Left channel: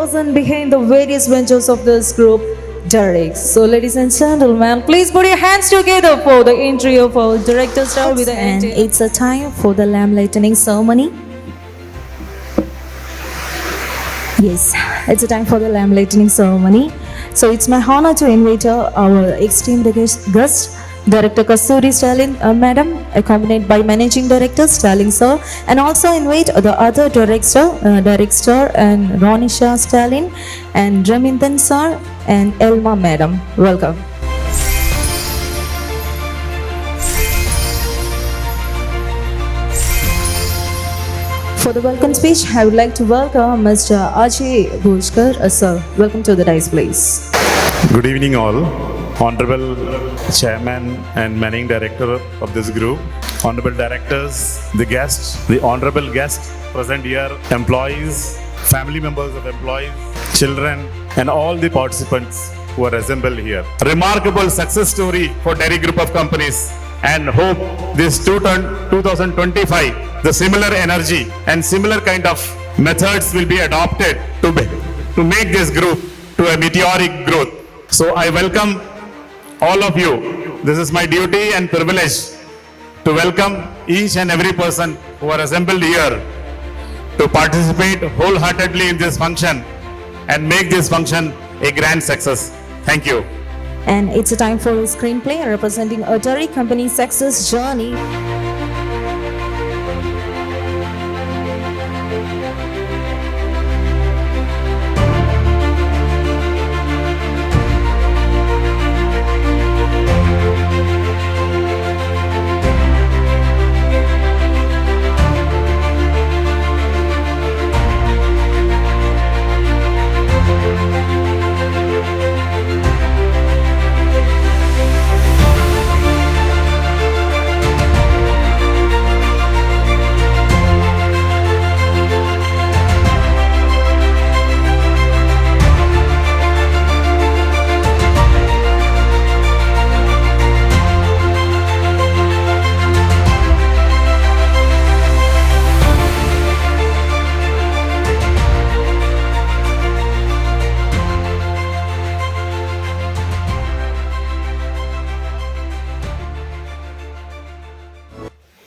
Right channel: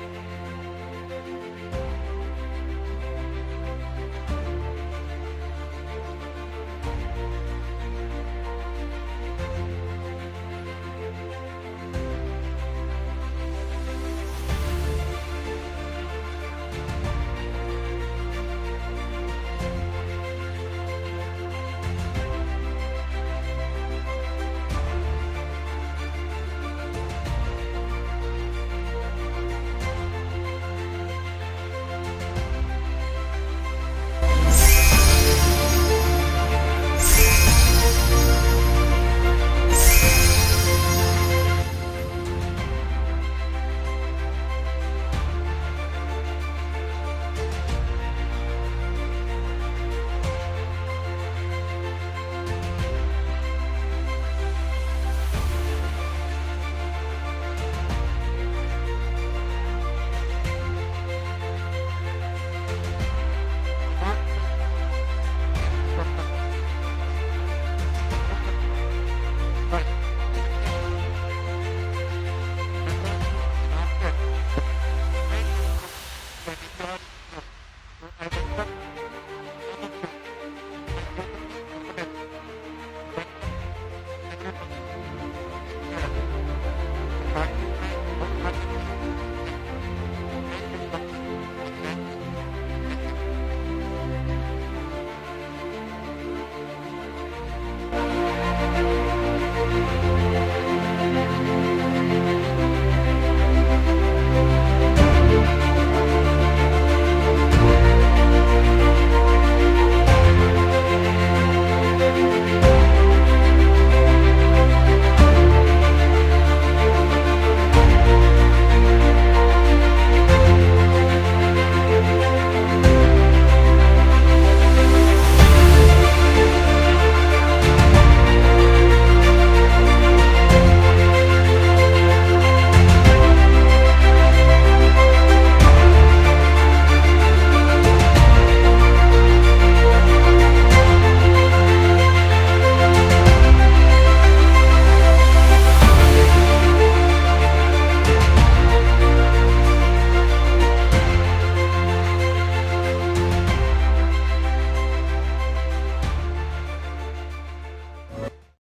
person behind the various ventures of this group, Derek. So, ladies and gentlemen, please put your hands together for the entry of our director star with the And it's a time for the lamp lighting ceremony. Yes, it's a time for the lamp lighting ceremony. So it's my honor to invite our esteemed guest, Director Kasturi Stalin, Madam, accompanied by Managing Director Stalin Sir, and also invite the other director, and Ronisha Stalin, and Ramindan Sir, and Elma Madam. Welcome. For the welcome speech, I would like to welcome Mr. Ajay Bhushkar, sir. Welcome to the dais, please. Good evening all. Honorable Chairman and Managing Director of this group, Honorable Directors, the guests, the Honorable guests present here, employees, family members of employees, children and all the participants who are assembled here. Remarkable success story for Dairy Group of Companies, and hope this 2025, the similar energy and similar kind of methods will be adopted to make this group to a meteoric growth. So I welcome all of you. This is my duty and privilege to welcome each and every person who are assembled here to participate wholeheartedly in this function and make this function a grand success. Thank you. And it's a time for a screenplay representing a dairy company's success journey.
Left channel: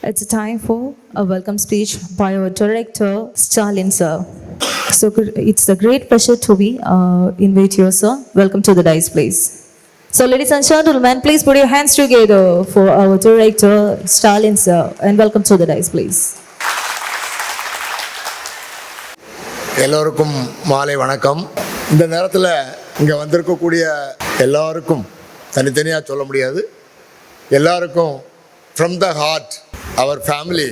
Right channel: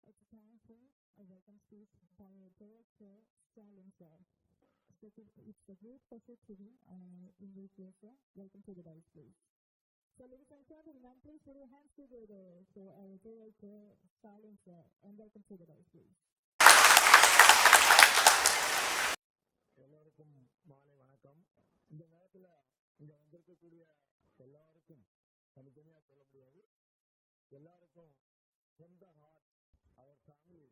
It's a time for a welcome speech by our director, Stalin sir. So it's a great pleasure to be invite you, sir. Welcome to the dais, please. So ladies and gentlemen, please put your hands together for our director, Stalin sir, and welcome to the dais, please. எல்லோருக்கும் மாலை வணக்கம். இந்த நேரத்தில் இங்கே வந்திருக்கக்கூடிய எல்லாருக்கும் தனித்தனியாக சொல்ல முடியாது. எல்லாருக்கும் from the heart our family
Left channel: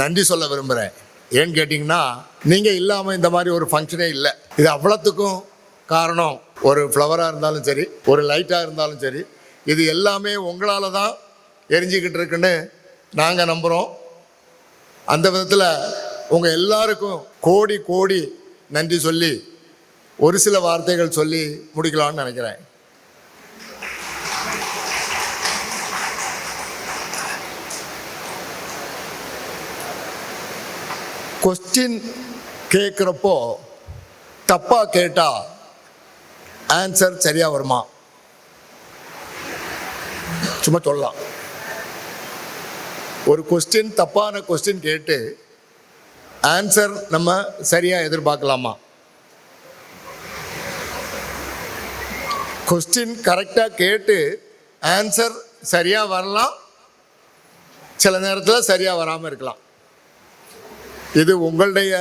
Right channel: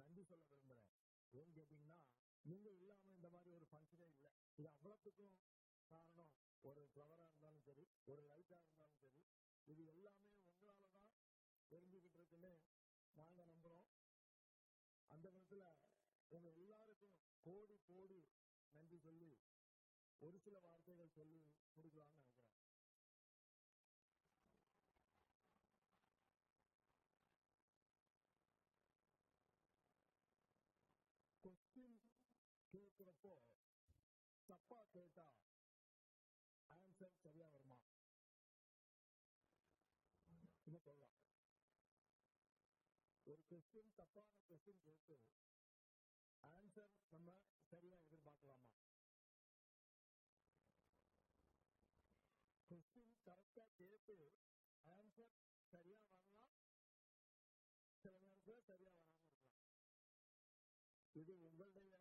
நன்றி சொல்ல விரும்புகிறேன். ஏன்னு கேட்டிங்கன்னா, நீங்கள் இல்லாமல் இந்த மாதிரி ஒரு ஃபங்க்ஷனே இல்லை. இது அவ்வளோத்துக்கும் காரணம் ஒரு ஃப்ளவராக இருந்தாலும் சரி, ஒரு லைட்டாக இருந்தாலும் சரி, இது எல்லாமே உங்களால் தான் எரிஞ்சிக்கிட்டு இருக்குன்னு நாங்கள் நம்புகிறோம். அந்த விதத்தில் உங்கள் எல்லாருக்கும் கோடி கோடி நன்றி சொல்லி ஒரு சில வார்த்தைகள் சொல்லி முடிக்கலாம்னு நினைக்கிறேன். கொஸ்டின் கேட்குறப்போ தப்பாக கேட்டால் ஆன்சர் சரியாக வருமா? சும்மா சொல்லலாம். ஒரு கொஸ்டின் தப்பான கொஸ்டின் கேட்டு ஆன்சர் நம்ம சரியாக எதிர்பார்க்கலாமா? கொஸ்டின் கரெக்டாக கேட்டு ஆன்சர் சரியாக வரலாம், சில நேரத்தில் சரியாக வராமல் இருக்கலாம். இது உங்களுடைய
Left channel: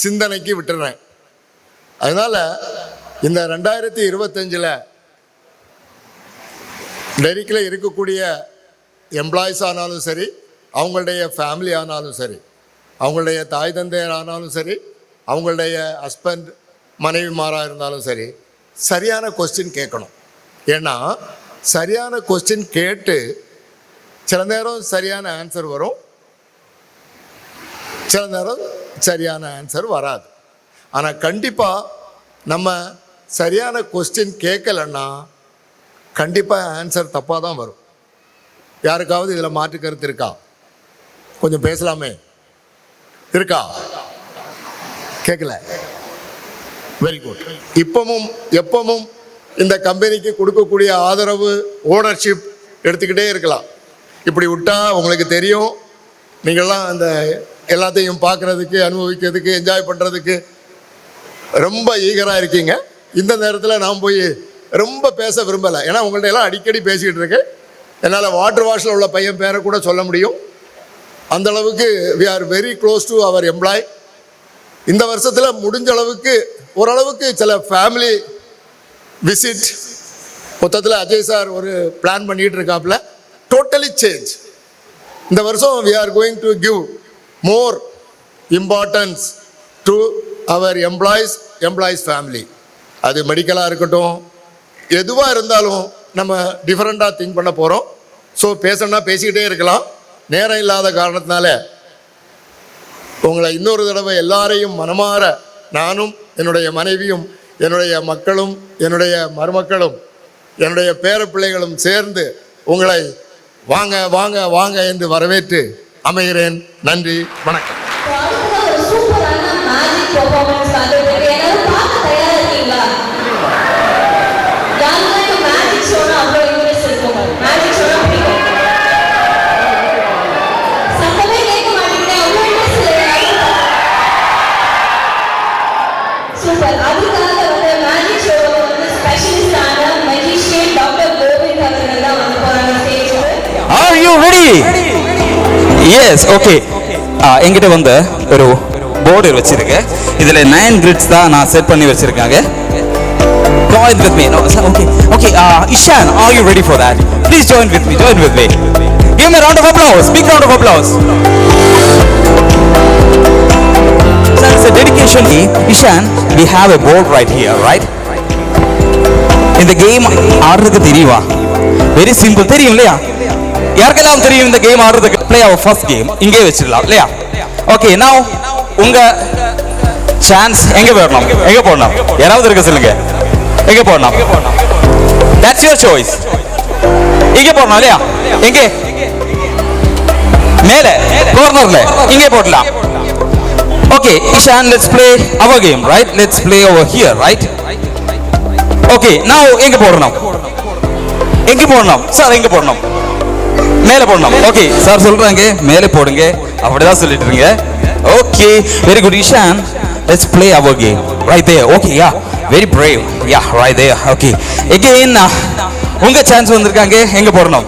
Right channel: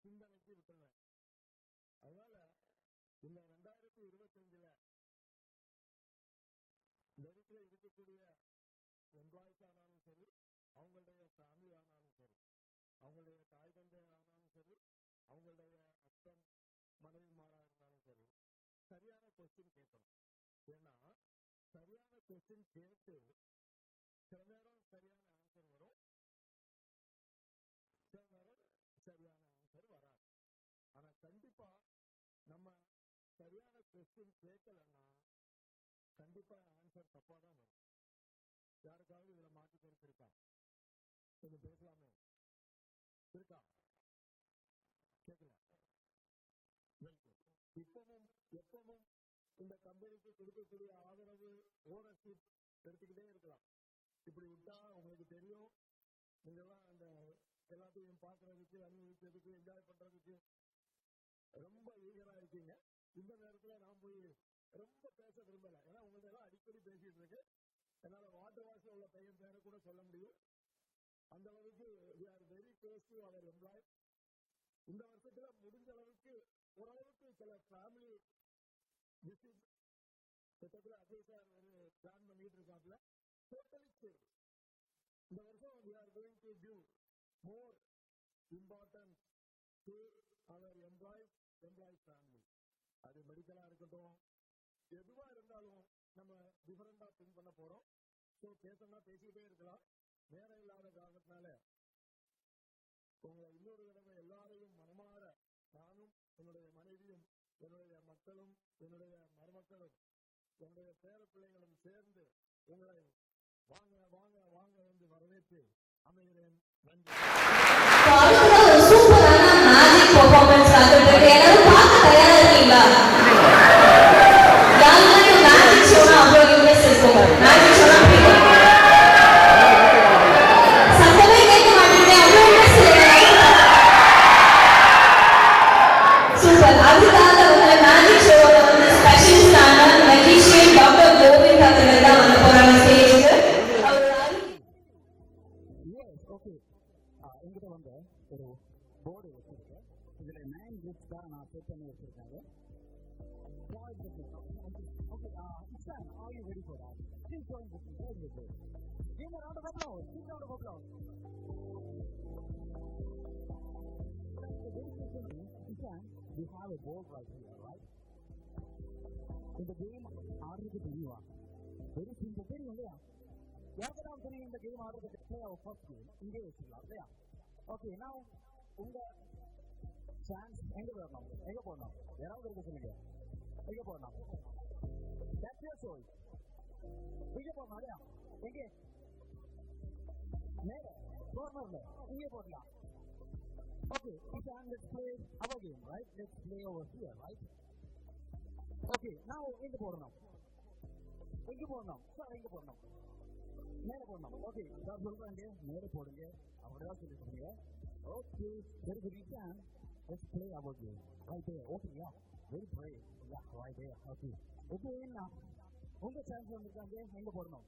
சிந்தனைக்கு விட்டுறேன். அதனால் இந்த 2025 டெரிக்கில் இருக்கக்கூடிய எம்ப்ளாயிஸ் ஆனாலும் சரி, அவங்களுடைய ஃபேமிலி ஆனாலும் சரி, அவங்களுடைய தாய் தந்தையர் ஆனாலும் சரி, அவங்களுடைய ஹஸ்பண்ட் மனைவிமாராக இருந்தாலும் சரி, சரியான கொஸ்டின் கேட்கணும். ஏன்னா சரியான கொஸ்டின் கேட்டு சில நேரம் சரியான ஆன்சர் வரும், சில நேரம் சரியான ஆன்சர் வராது. ஆனால் கண்டிப்பாக நம்ம சரியான கொஸ்டின் கேட்கலன்னா கண்டிப்பாக ஆன்சர் தப்பாக தான் வரும். யாருக்காவது இதில் மாற்று கருத்து இருக்கா? கொஞ்சம் பேசலாமே. இருக்கா? கேட்கல. Very good. இப்பவும் எப்பவும் இந்த கம்பெனிக்கு கொடுக்கக்கூடிய ஆதரவு, ஓனர்ஷிப் எடுத்துக்கிட்டே இருக்கலாம். இப்படி விட்டா உங்களுக்கு தெரியும், நீங்கள்லாம் அந்த எல்லாத்தையும் பார்க்குறதுக்கு, அனுபவிக்கிறதுக்கு, என்ஜாய் பண்ணுறதுக்கு ரொம்ப ஈகராக இருக்கீங்க. இந்த நேரத்தில் நான் போய் ரொம்ப பேச விரும்பலை. ஏன்னா உங்கள்ட்ட எல்லாம் அடிக்கடி பேசிக்கிட்டு இருக்கேன். என்னால் வாட்டர் வாஷில் உள்ள பையன் பேரை கூட சொல்ல முடியும். அந்த அளவுக்கு we are very close to our employ. இந்த வருஷத்தில் முடிஞ்ச அளவுக்கு ஓரளவுக்கு சில ஃபேமிலி விசிட் மொத்தத்தில் அஜய் சார் ஒரு பிளான் பண்ணிகிட்டு இருக்காப்புல. Totally change. இந்த வருஷம் we are going to give more importance to our employees family. அது மெடிக்கலாக இருக்கட்டும், எதுவாக இருந்தாலும் நம்ம டிஃப்ரெண்ட்டாக திங்க் பண்ண போகிறோம். ஸோ பேசணும்னா பேசிக்கிட்டே இருக்கலாம். நேரம் இல்லாத காரணத்தினால உங்களை இன்னொரு தடவை எல்லாரையும் மனமாற நானும், என்னுடைய மனைவியும், என்னுடைய மக்களும், என்னுடைய மருமக்களும், என்னுடைய பேரப்பிள்ளைகளும் சேர்ந்து உங்களை வாங்க வாங்க வாங்க என்று வரவேற்று அமைகிறேன். நன்றி, வணக்கம். Are you ready? Yes, okay. என்கிட்ட வந்து ஒரு போர்டு வச்சிருக்கேன். இதுல 9 grids தான் நான் செட் பண்ணி வச்சிருக்காங்க. Join with me. No, okay. Okay, Ishan, are you ready for that? Please join with me. Join with me. Give me a round of applause. Big round of applause. So it's a dedication. Ishan, we have a board right here, right? இந்த game ஆடுறதுக்கு தெரியுமா? Very simple. தெரியும் இல்லையா? யாருக்கெல்லாம் தெரியும் இந்த game ஆடுறதுக்கு? play our first game. இங்கே வச்சிடலாம் இல்லையா? ஓகே, now உங்க சான்ஸ் எங்க போடணும்? எங்க போடணும்? யாராவது இருக்க சொல்லுங்க. எங்க போடணும்? That's your choice. இங்க போடணும் இல்லையா? எங்க? மேலே கார்னர்ல இங்கே போடலாம். Okay, Ishan, let's play our game, right? Let's play over here, right? Okay, now எங்க போடணும்? எங்க போடணும்? சார் எங்க போடணும்? மேலே போடணும். ஓகே, சார் சொல்றாங்க மேலே போடுங்க. அப்படிதான் சொல்லிட்டு இருக்கீங்க. Okay, very good. Ishan, let's play our game right there. Okay, yeah, very brave. Yeah, right there. Okay, again உங்க சான்ஸ் வந்திருக்காங்க. எங்க போடணும்?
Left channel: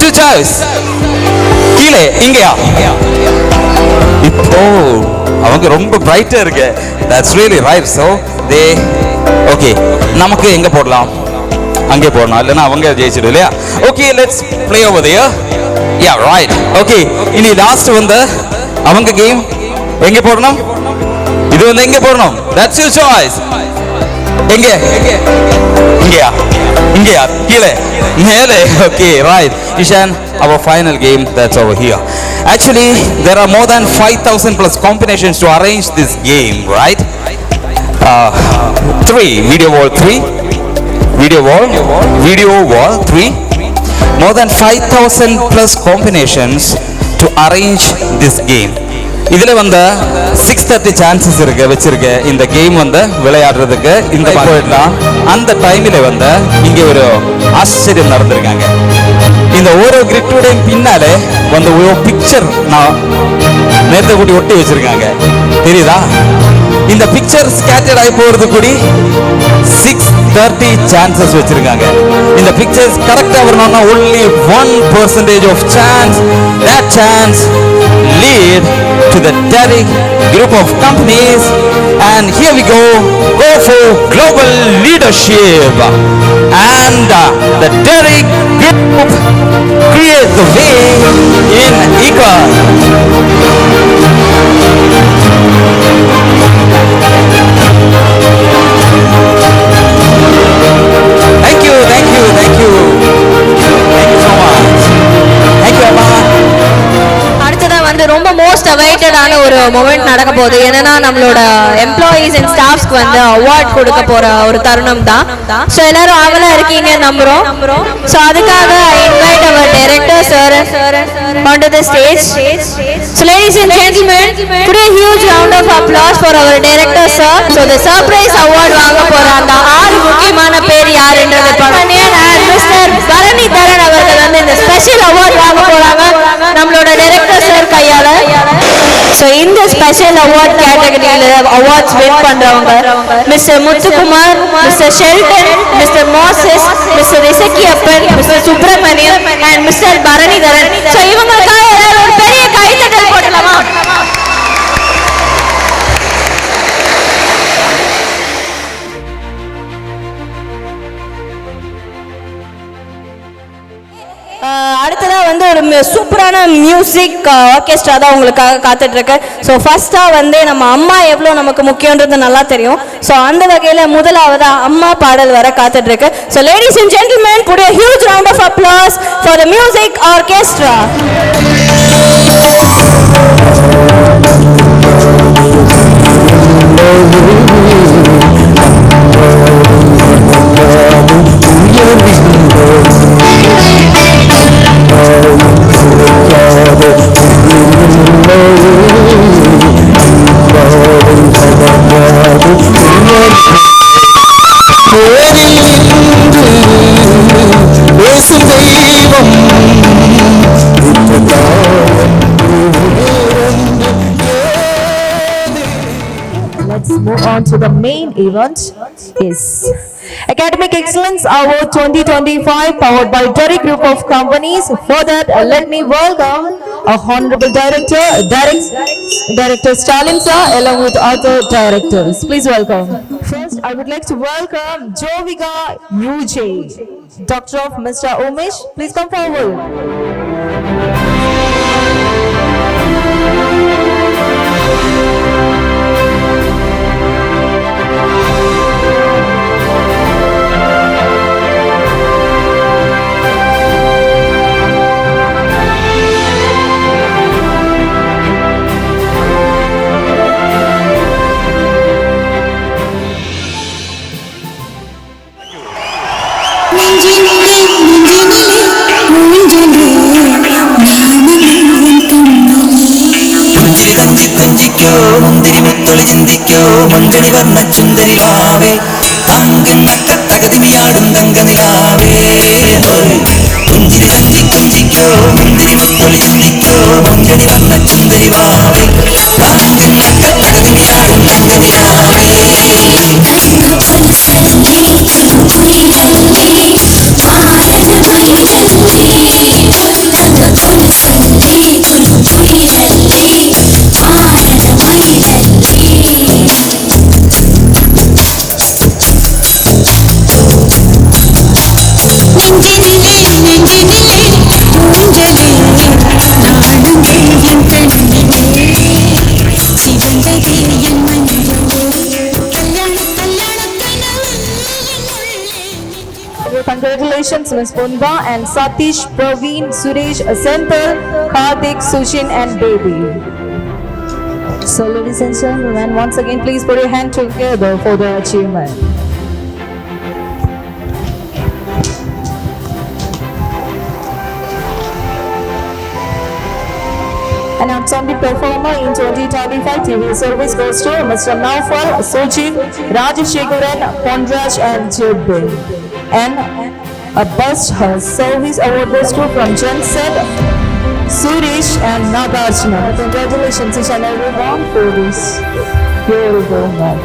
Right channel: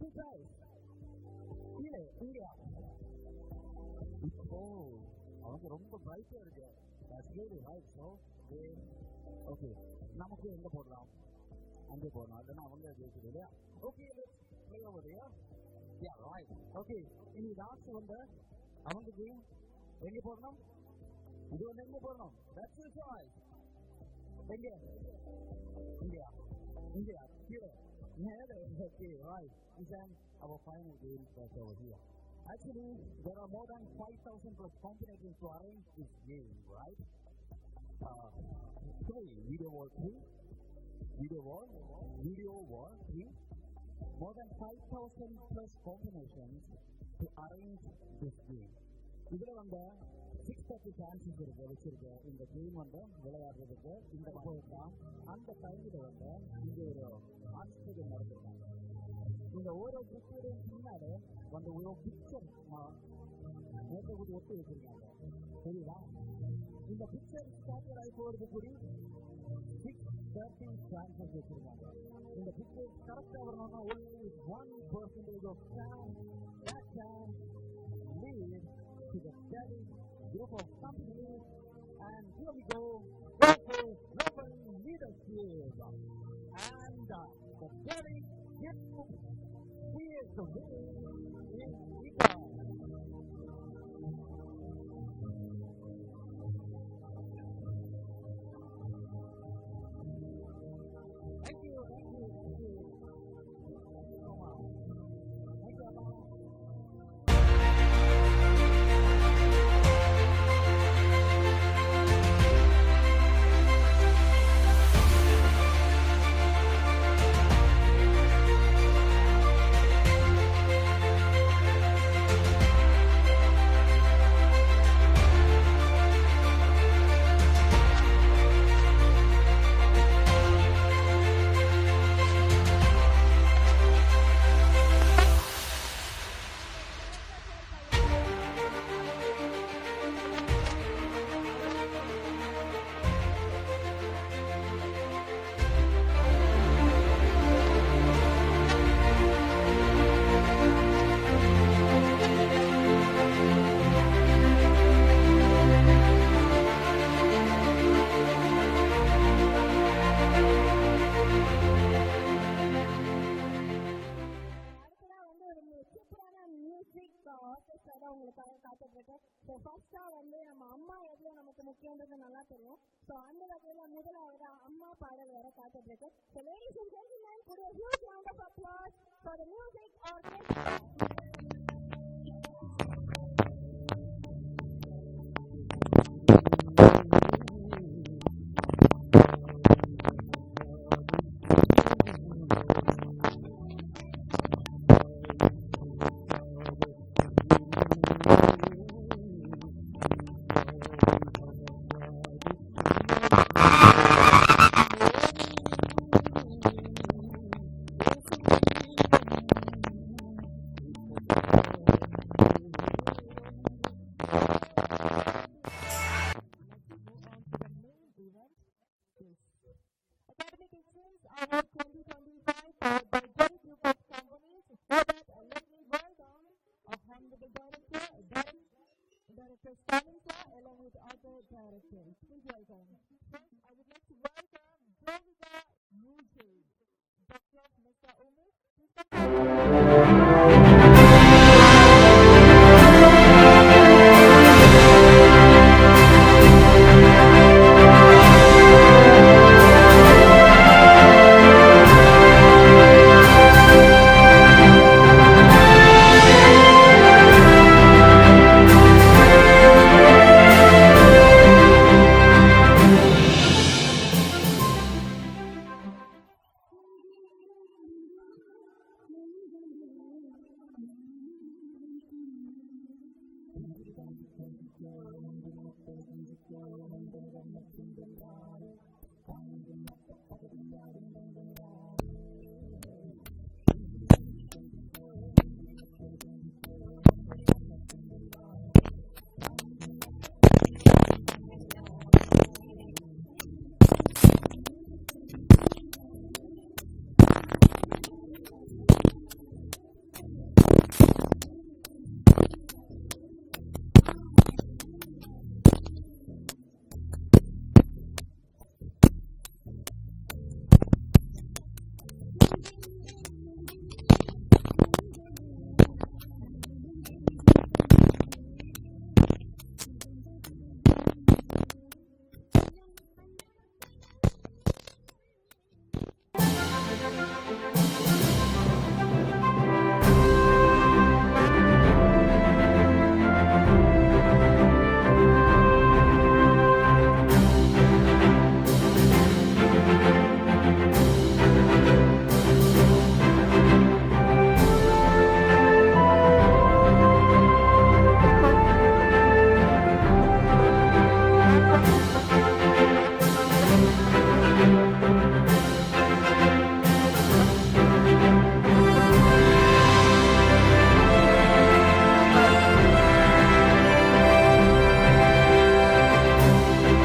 Two choice. கீழே இங்கயா? இப்போ அவங்க ரொம்ப பிரைட்டா இருக்கு. That's really right. So they okay, நமக்கு எங்க போடலாம்? அங்கே போடணும். இல்லைன்னா அவங்க ஜெயிச்சிடும் இல்லையா? Okay, let's play over there. Yeah, right. Okay, இனி லாஸ்ட் வந்து அவங்க கேம் எங்கே போடணும்? இது வந்து எங்கே போடணும்? That's your choice. எங்கே? இங்கேயா? இங்கேயா? கீழே? மேலே? Okay, right. Ishan, our final game, that's over here. Actually, there are more than 5,000 plus combinations to arrange this game, right? 3, video wall 3. Video wall 3. More than 5,000 plus combinations to arrange this game. இதுல வந்து 630 chances இருக்கு வச்சிருக்க இந்த game வந்து விளையாடுறதுக்கு. இந்த போயிடலாம். அந்த டைம்ல வந்து இங்க ஒரு ஆச்சரியம் நடந்திருக்காங்க. இந்த ஒரு கிரிட்டோட பின்னாலே வந்து ஒரு பிக்சர் நான் நேரத்தை கூட்டி ஒட்டி வச்சிருக்காங்க. தெரியுதா? இந்த பிக்சர் ஸ்கேட்டர்ட் ஆகி போறது கூடி 630 சான்சஸ் வச்சிருக்காங்க. இந்த பிக்சர்ஸ் கரெக்டா வரணும்னா only 1% of chance. That chance lead to the Derrick group of companies, and here we go for global leadership, and the Derrick group create the way in ICA. அடுத்ததா வந்து ரொம்ப மோஸ்ட் அவைட்டடான ஒரு moment நடக்க போகுது. என்னன்னா நம்மளோட எம்ப்ளாயீஸ் அண்ட் ஸ்டாஃப்ஸ்க்கு வந்து award கொடுக்க போற ஒரு தருணம் தான். ஸோ எல்லாரும் ஆவலா இருக்கீங்க நம்புறோம். ஸோ அதுக்காக I invite our director sir onto the stage. So ladies and gentlemen, put a huge round of applause for our director sir. So the surprise award வாங்க போற அந்த ஆறு முக்கியமான பேர் யாருன்றது பாருங்க. மிஸ்டர் பரணி தரன் அவர்கள் வந்து இந்த ஸ்பெஷல் அவார்ட் வாங்க போறாங்க நம்மளோட டைரக்டர் சார் கையால. ஸோ இந்த ஸ்பெஷல் அவார்ட் கேட்டகரியில அவார்ட்ஸ் வின் பண்றவங்க mister Muthukumar, mister Sheldon, mister Moses, mister Isakkiappan, mister Subramaniam and mister Bharanidharan. So இவங்களுக்காக எல்லாரும் ஒரு பெரிய கைத்தட்டல் போடலாமா? அடுத்ததா வந்து ஒரு சூப்பரான மியூசிக் ஆர்கெஸ்ட்ரா தான் உங்களுக்காக காத்துட்டு இருக்கு. ஸோ ஃபர்ஸ்டா வந்து நம்ம அம்மா எவ்வளோ நமக்கு முக்கியன்றது நல்லா தெரியும். ஸோ அந்த வகையில் முதலாவதா அம்மா பாடல் வர காத்துட்டு இருக்கு. So ladies and gentlemen, put a huge round of applause for the music orchestra. Let's move on to the main event. Yes, Academic Excellence Award 2025 powered by Derrick Group of Companies. For that, let me welcome our Honorable Director Stalin sir along with other directors. Please welcome. First, I would like to welcome Jovika UJ, Doctor of Mr. Umesh. Please come forward. ചിന്തിക്കോ മഞ്ചണി വർണ്ണ ചുന്ദരി വാവേ താങ്കുന്നക്ക തകതിമിയാടും തങ്കനിലാവേ കുഞ്ചിരി തഞ്ചി കുഞ്ചിക്കോ മുന്തിരി മുത്തൊളി ചിന്തിക്കോ മഞ്ചണി വർണ്ണ ചുന്ദരി വാവേ താങ്കുന്നക്ക തകതിമിയാടും തങ്കനിലാവേ Congratulations Ms. Punda and Satish, Praveen, Suresh, Senthil, Karthik, Sushin and Baby. So ladies and gentlemen, once again please put your hand together for the achievement. An outstanding performer in 2025 TV service goes to Mr. Naufal, Sochin, Rajashekaran, Pondraj and Jibbe. And a best service award goes to from Jensen, Suresh and Nagarjuna. Congratulations each and everyone for this beautiful night.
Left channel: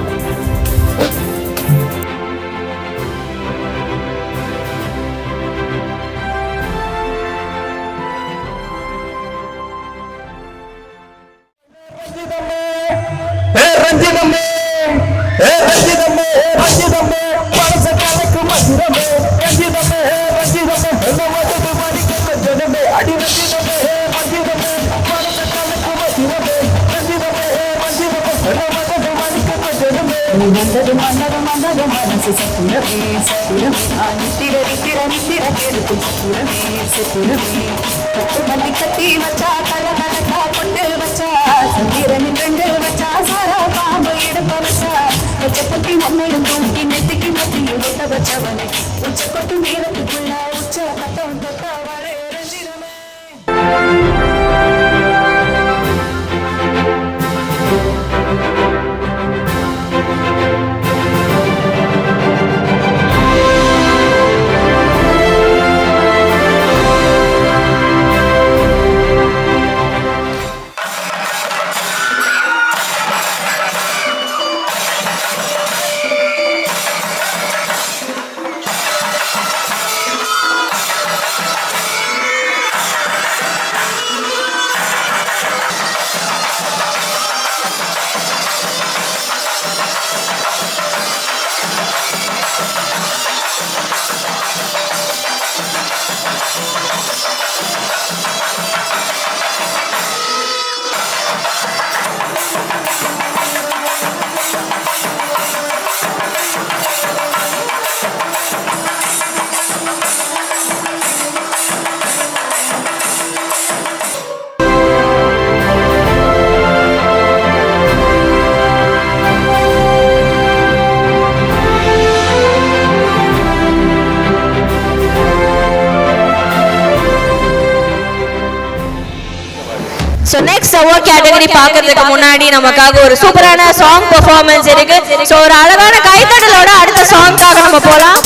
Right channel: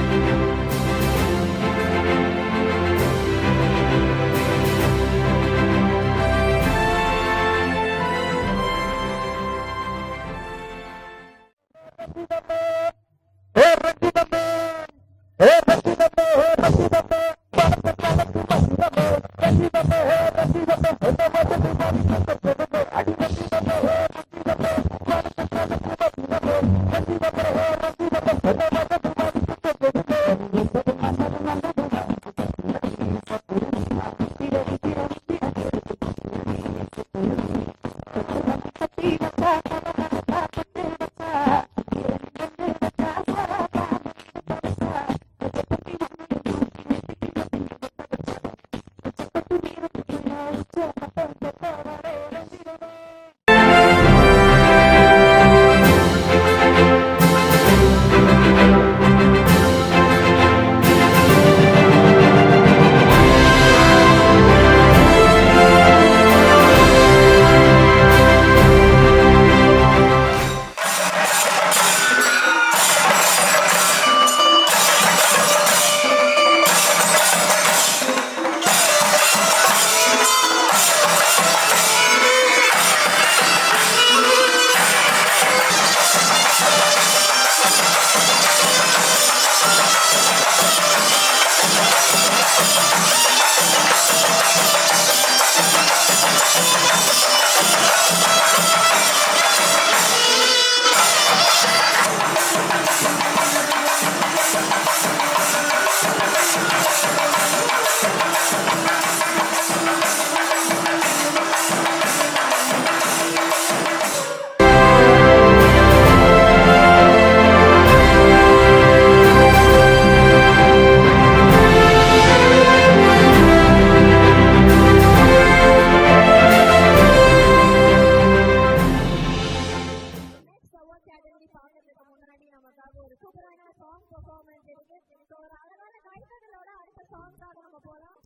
So next award category பார்க்கிறதுக்கு முன்னாடி நமக்காக ஒரு சூப்பரான song performance இருக்கு. So ஒரு அழகான கைத்தட்டலோட அடுத்த சாங்காக நம்ம போலாம்.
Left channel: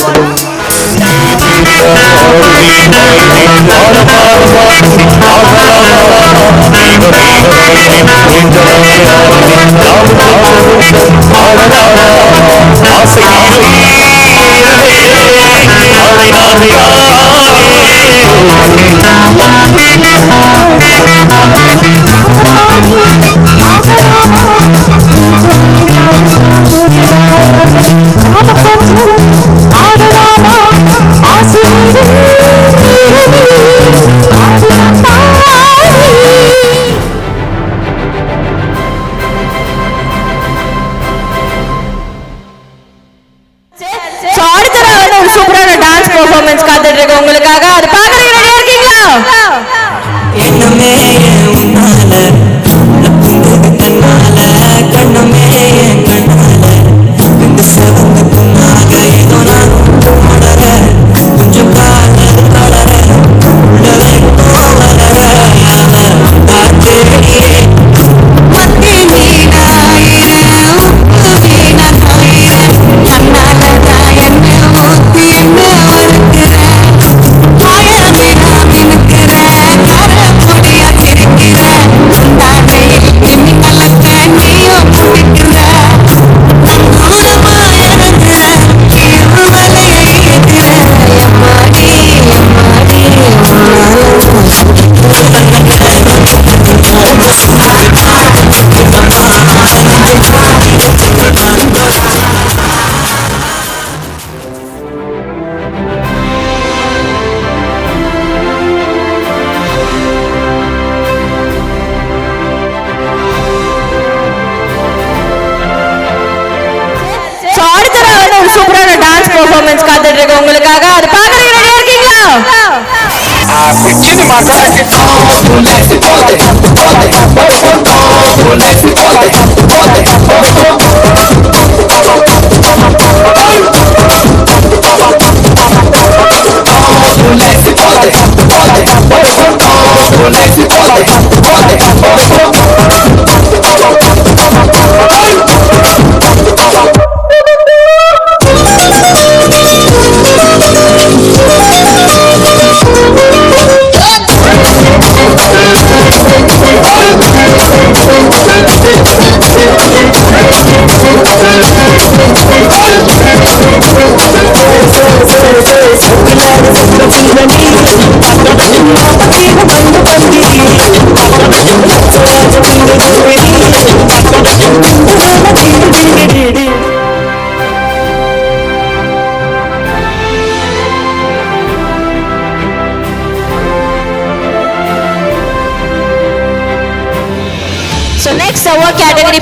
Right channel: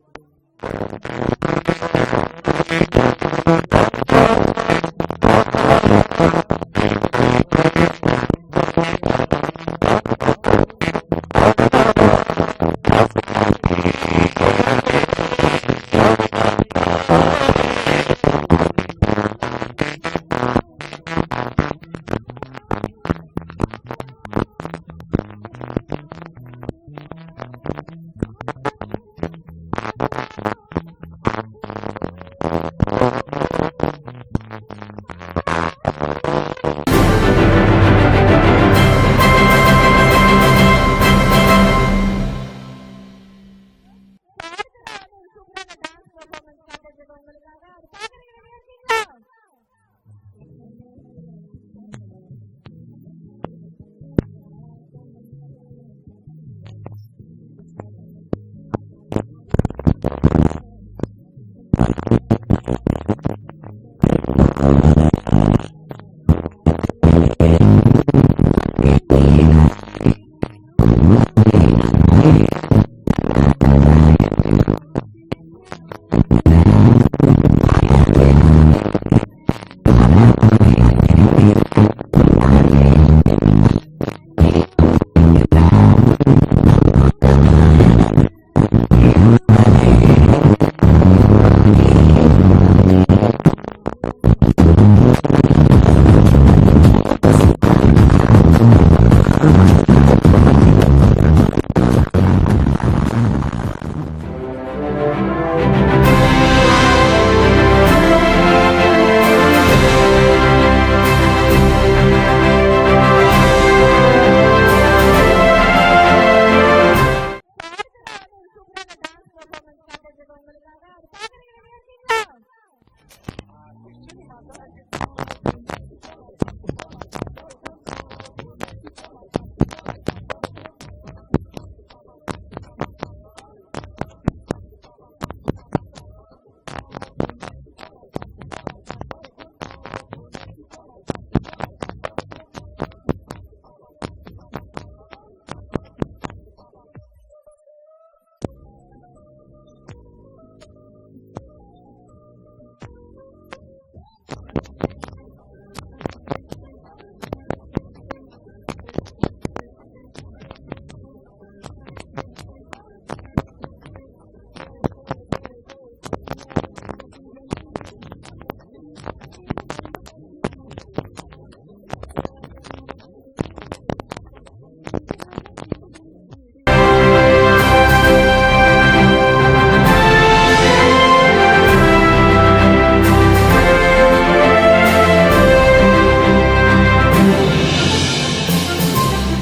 உங்களுக்காக அது பாக்குறீங்க. ரெடியா இருக்கீங்களா? என்னமே உன்னால கண்ணால கண்ணமே கண்ணால இந்த செவந்து புண்ணாக ஏதோ நான் வளர கொஞ்சம் காதல் வளர உள்ளவெட்டோ வளர காத்தேடியே மத்தி மீனாயிர உப்பு மீனாயிர கண்ணால நான் என்ன ஊத்தி என்ன வறுக்கிற உங்களுக்காக அது பாக்குறீங்க. ரெடியா இருக்கீங்களா?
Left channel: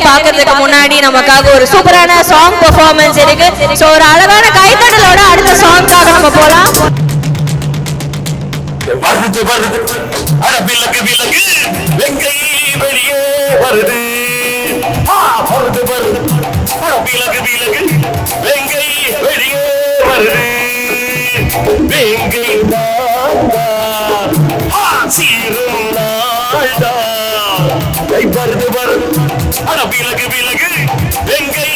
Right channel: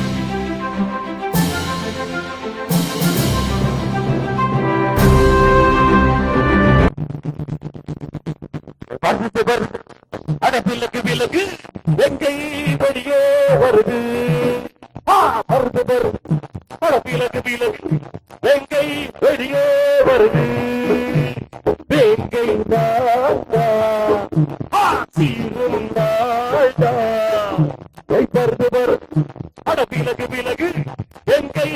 பார்க்கிறதுக்கு முன்னாடி நமக்காக ஒரு சூப்பரான சாங் பெர்ஃபார்மன்ஸ் இருக்கு. சோ ஒரு அழகான கைத்தட்டலோட அடுத்த சாங்காக நம்ம போலாம். வருது வருது அட விலகு விலகு வெங்கை வெளியே வருது. வருது வருது அட விலகு விலகு வெங்கை வெளியே வருது. வேங்கை வாங்கா சீரும் நாள்தா வருது வருது அட விலகு விலகு வெங்கை